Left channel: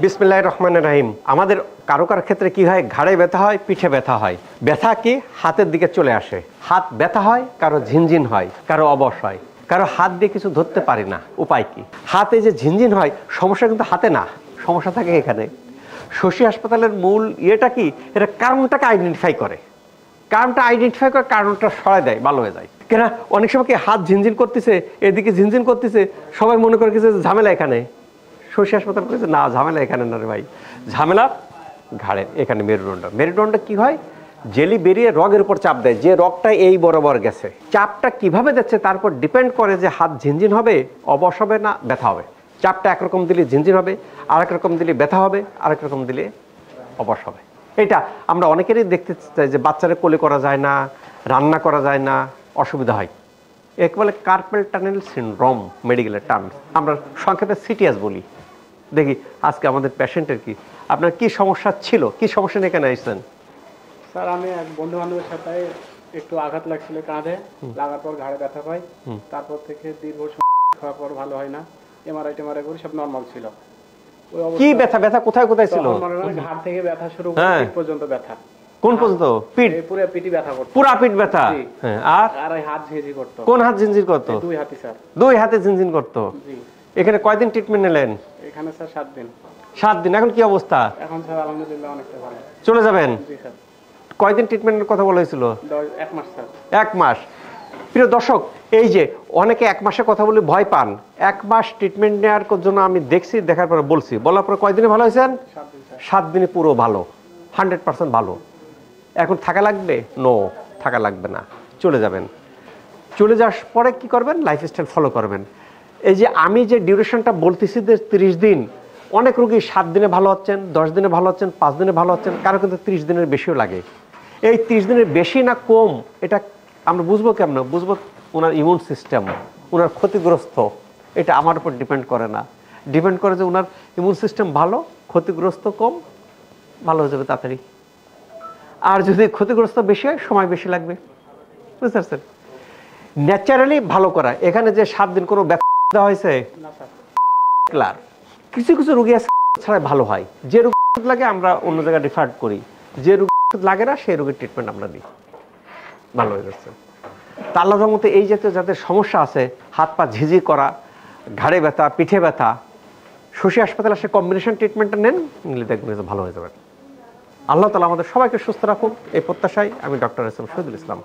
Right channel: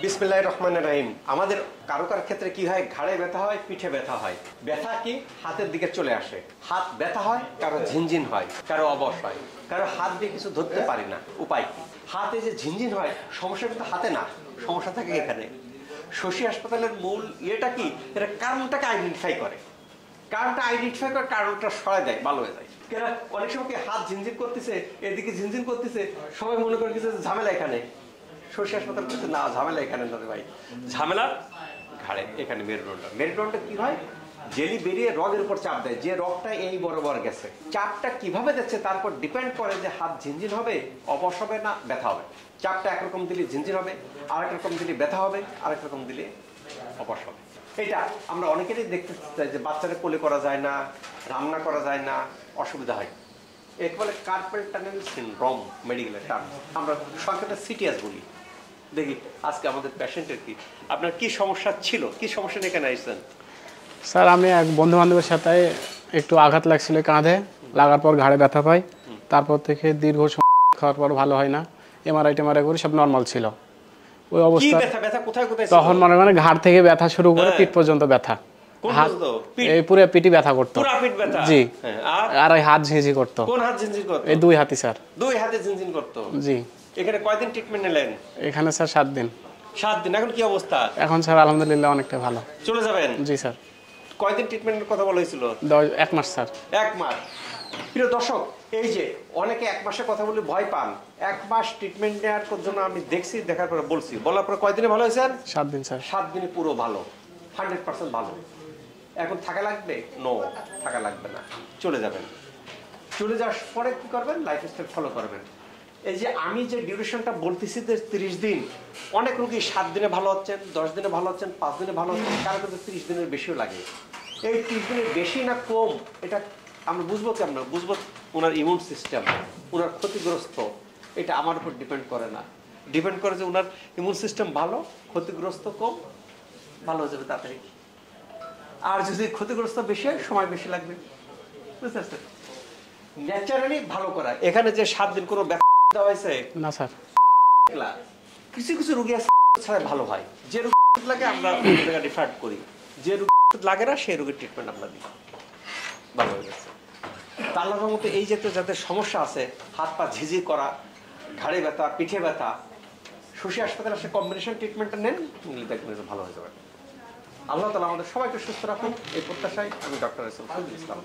বিসমিল্লাহির রহমানির রহিম। আমাদের কারো কারো ক্ষেত্রে কি হয়, ঘাড়ে ব্যথা হয়, পিঠে ব্যথা হয়। ব্যথা কি হাতের দিকে চলে আসে, হাত ব্যথা হয়, কারো ঝিনঝিন হয়, কারো অবশ হয়, কারো হাত দিয়ে কিছু ধরতে পারে না। উপায় কি? হাতে যে ঝিনঝিন হয়, সমস্যা কিন্তু হাতে না, সমস্যা থাকে এখানে। শশী হাসপাতালের মূল ইয়েটা কি, এটা কারণটাকে আইডেন্টিফাই করে, কারণটা সরাই দেয়, ভালো হয়ে যায়। কেন অনেক সময় কি হাত ঝিনঝিন করতেছে, এদিকে ঝিনঝিন করতেছে, সবাই মনে করে কিছু ঝামেলা এখানে। শশী হাসপাতাল করেছে না, ঝামেলা এখানে না রে ভাই, ঝামেলা ঘাড়ে, এখানে মেরুদণ্ড। মেরুদণ্ড কি হয়, জেলি বেরিয়ে রগের উপর চাপ দেয়, যে রগটা এই বরাবর গেছে, চাপটা কিভাবে যাচ্ছে তার উপর ডিপেন্ড করে যে হাত ঝিনঝিন হবে, অবশ হবে না ব্যথা হবে। চাপটা একরকম দিলে ঝিনঝিন হবে, আরেক রকম দিলে ব্যথা হবে, আরেক রকম দিলে অবশ হবে। এটা আমরা অনেকেরই দেখতে চাই যে বাচ্চারা কোলে করা যায় না, রান্না করা যায় না, অসুবিধা হয়। একে বলে কার্পেল টানেল সিনড্রোম, মেডিকেলের টার্ম, আমরা সংক্ষেপে সিটিএস বলি। দেখি আজকে আমাদের পেশেন্টের কি, আপনার কি সমস্যা ছিল, কি সমস্যা নিয়ে এখানে আসছেন? স্যার আমি এক বন্ধু বান্ধবের সাথে একটু আঘাত লাগছিল কাঁধে, লাগার পর ঘাড়ে ব্যথা পাই। তারপর থেকে দীর্ঘ সময় খাওয়ার পর ভালো হয় না, এমআরআই করি, সব নর্মাল ছিল। ওই কি অবস্থা ব্যথা, ব্যথা কোথায় কোথায় ছিল? তখন মানে ঘাড় থেকে ব্যথা শুরু করে পিঠ পর্যন্ত ব্যথা। কোন পর্যন্ত? পিঠ? এই পুরো পিঠই ব্যথা করতো। পুরো পিঠ ব্যথা? জি। হ্যাঁ। আর এই হাত ঝিঁঝি করতো। কোন হাত ঝিনঝিন করতো? এই দুই হাতই স্যার। দুই হাতে ঝিনঝিন করতো? জি। এখানে কয়দিন ট্রিটমেন্ট নিলেন? এখানে স্যার 7 দিন। 7 দিন। এখন কি অবস্থা? এখন স্যার আলহামদুলিল্লাহ অনেকটা ভালো। চলে যাবেন? জি স্যার। কয়দিন ট্রিটমেন্টের কথা বলা হয়েছিল? 1 মাস স্যার। 1 মাস। প্রিয় দর্শক, এই যে অনেকে 1 মাসের কথা বলে ভয় পান, 1 মাস ট্রিটমেন্ট নেওয়ার জন্য আমি দেখছি, দেখার পরে বলছি, বলার পরে কয়দিনে ভালো হয়েছেন? 7 দিন স্যার। 7 দিনে পুরো ভালো, 100% ভালো। এখন থাকা লাগবে? নো, থাকা লাগবে না, চলে যাবেন। চলে যাওয়ার পরে কি করবেন? লাইফস্টাইল ফলো করবেন। এই যে আমি যে ডিউরেশনটা বলতেছি যে 30 দিন, অনেক রোগী 7 দিনে ভালো হচ্ছেন, 10 দিনে ভালো হচ্ছেন, 5 দিনে ভালো হচ্ছেন, কারো কিন্তু 30 দিনের বেশিও লাগে। এই 30 দিনের বেশি না কম, এটা আমরা বুঝবো কেমন? বুঝবো ওনার ইমিউন সিস্টেম, ওনার ক্ষতিগ্রস্ত, এটা আমার উপর ডিপেন্ড করে না, ডিপেন্ড করে যে ওনার ইমিউন সিস্টেম ভালো, ক্ষতিগ্রস্ত কম, ভালো হয়ে যাবে তাড়াতাড়ি। আর যদি ক্ষতিগ্রস্ত বেশি হয়, সময় বেশি লাগবে। বুঝতে পারছেন? ন্যাচারালি ভালো করা। এখানে যে 7 দিন কোনো ব্যথা দেওয়া হয়েছে না স্যার। কিছু কিছু রোগী ছাড়া ভালো হয়, যে রোগ লাগে আমরা অন্য জায়গায় রেফার করি, যে রোগ লাগে না সেই রোগের ট্রিটমেন্ট আমরা দিই, ভালো হয়ে যাচ্ছে। তা আল্লাহর মতো এই জাতীয় যাদের সমস্যা আছে, হাত পা ঝিঝি করা, ঘাড়ে ব্যথা, পিঠে ব্যথা, শশী হাসপাতালে আসে কম্বিনেশন ট্রিটমেন্টটা নেন, নিলে দেখবেন ভালো হয়ে যাবে। আল্লাহ তাআলা আমাদের সবাইকে সুস্থ রাখুন, এই প্রত্যাশায় আমি ডক্টর শহীদুল ইসলাম।